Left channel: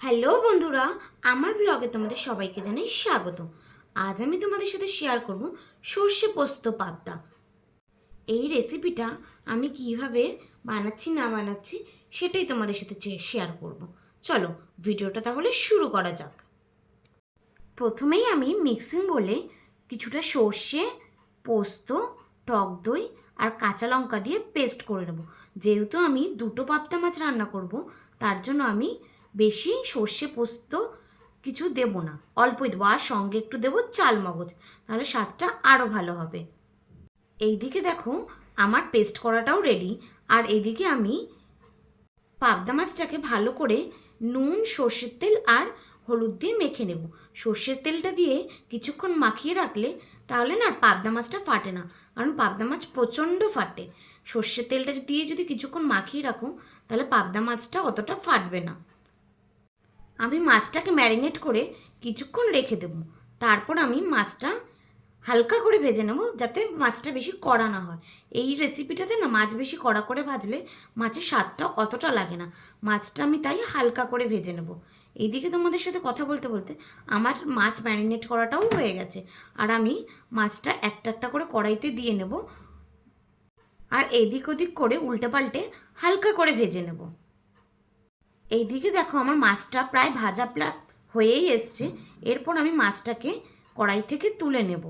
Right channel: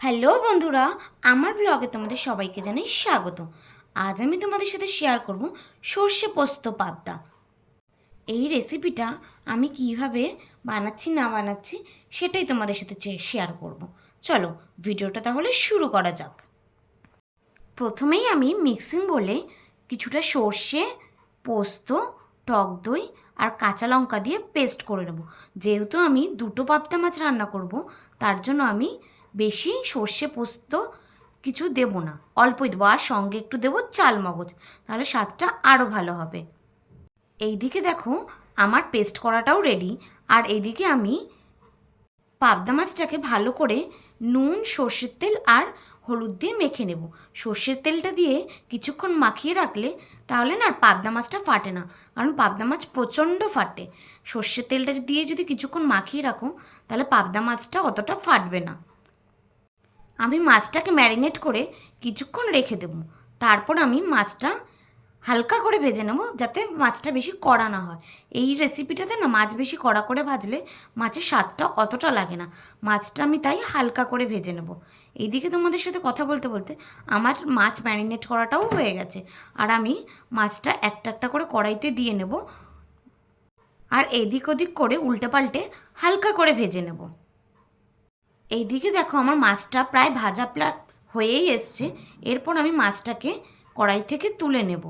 Hello বন্ধুরা, আমার ব্লগে তোমাদের সবাইকে জানাই স্বাগত। আজ আমি তোমাদের সাথে শেয়ার করব সর্ষে পোস্ত পাবদা। এই রেসিপিটা আমি কিভাবে বানাচ্ছি না বানাচ্ছি সেটাই তোমাদের সাথে শেয়ার করব। চলো ভিডিওটা তাহলে শুরু করা যাক। প্রথমেই আমি মিক্সিং বলে কিছুটা সর্ষে, পোস্ত, টক দই আর কাঁচা লঙ্কা দিয়ে পেস্ট করে নেব। যেহেতু আমি দুটো পাবদা মাছ রান্না করব, তার জন্য আমি বেশি সর্ষে পোস্ত কিছু দেব না, অল্পই দেবো। আর সঙ্গে একটু দেবো চাল মগজ, তাহলে স্বাদটা আরও ভালো হবে। এইদিকে দেখো আমার পেস্ট করাটাও রেডি। আর এইদিকে আমি পাবদা মাছটাকে ভালো করে নুন, সর্ষের তেল আর হলুদ দিয়ে মেখে নেব। সর্ষের তেলটা দিয়ে কিছুক্ষণ মাখিয়ে রাখলে তাহলে না পাবদা মাছটা ফাটে না, কারণ পাবদা মাছ প্রচণ্ড ফাটে। সর্ষের তেলটা দিয়ে যদি কিছুক্ষণ মাখিয়ে রাখো তাহলে পাবদা মাছটা অতটা ফাটবে না। আমি মাছটাকে ম্যারিনেট করে কিছুক্ষণ রেখে দেব। তারপর আমি মাছটা হালকা করে ভেজে নেব, যাতে মাছটা বেশি কড়া না হয়। এই রেসিপিটাতে না মাছ বেশি কড়া করে ভাজলে মাছের স্বাদটা অতটা লাগে না। মাছটা আমি তাই হালকা করে ভেজে নেব। এইদিকে তোমাদের সাথে কথা বলতে বলতে আমার মাছ ম্যারিনেট করাটাও হয়ে গেছে। আর আমি মাছটা একটা একটা করে কড়াইতে দিয়ে নেব, আর এদিক ওদিক করে উল্টে পাল্টে হালকা করে ভেজে নেব। এইদিকে দেখো আমার মাছটা প্রায় ভাজা হয়েই এসছে। এরপর আমি মাছটাকে কড়াই থেকে তুলে নেব।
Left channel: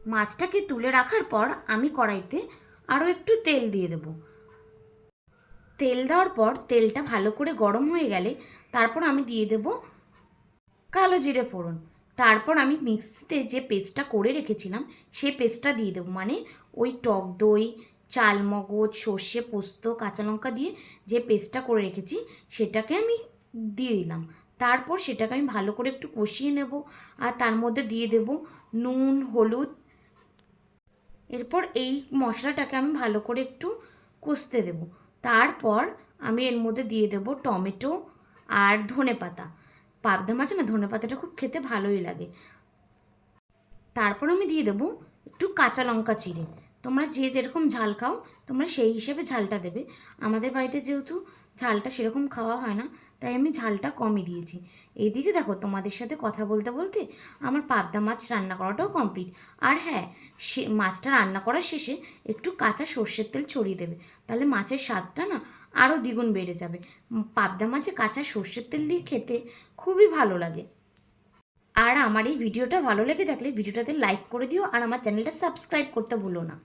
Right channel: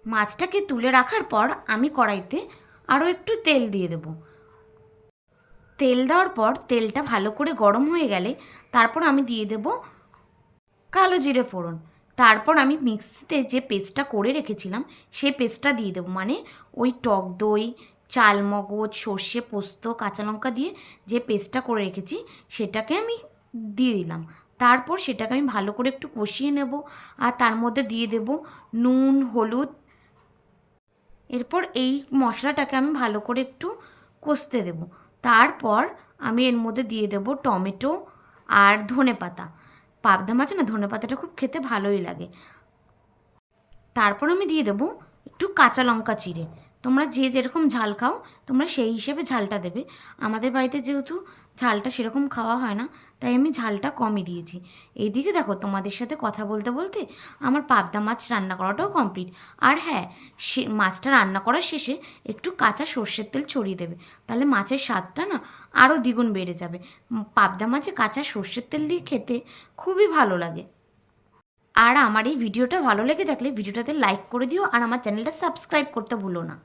মাছটাকে তুলে রাখার পর আমি কড়াইতে আরও একটু তেল দিয়ে দেব। তেল দেওয়ার পর তেলটা ভালো করে গরম হয়ে গেলে তারপর আমি দিয়ে দেব কালো জিরে ফোড়ন। তারপর আমি মিক্সিতে যে পেস্টটা করে রেখেছিলাম সেই পেস্টটা দিয়ে দেবো, মানে ওই টক দই, চালমগজ, সর্ষে, পোস্ত, কাঁচা লঙ্কা দিয়ে যে পেস্টটা করে রেখেছি সেটাকে আমি দিয়ে দিলাম। তারপর সেটাকে আমি ভালো করে একটু কষিয়ে নেব, আর তার মধ্যে দিয়ে দেব নুন, হলুদ। এরপর এই মশলাটাকে আমি ভালো করে একটু কষতে দেব। তারপর আমি এর মধ্যে দিয়ে দেব টমেটো আর ধনেপাতা। পাবদা মাছে না ধনেপাতাটা খুব খেতে ভালোই লাগে। তারপর আমি দিয়ে দেবো একটু কাঁচা লঙ্কা চিড়ে। তোমরা যে যেরকম ঝাল খাও তোমরা সেই হিসেবে ঝালটা দেবে। আমাদের বাড়িতে যেহেতু ঝালটা সেরকম খাওয়া হয় না, তাই আমি ঝালটা কমই দিয়েছি। এইদিকে দেখো তোমাদের সাথে কথা বলতে বলতে আমার পাবদা মাছ রান্না করাটাও কমপ্লিট। আর হ্যাঁ, সে মাছটা রান্না করার শেষে একটু কাঁচা সর্ষের তেল ছড়িয়ে দেবে, তাহলে মাছের স্বাদটা না আরও দ্বিগুণ বেড়ে যাবে। পাবদা মাছে কাঁচা সর্ষের তেল দিয়ে খেতে খুবই ভালো লাগে। আর আমার এই ভিডিওটা ভালো লেগে থাকলে ভিডিওটাতে লাইক করে দিও, আর আমার চ্যানেলটা সাবস্ক্রাইব করতে ভুলো না।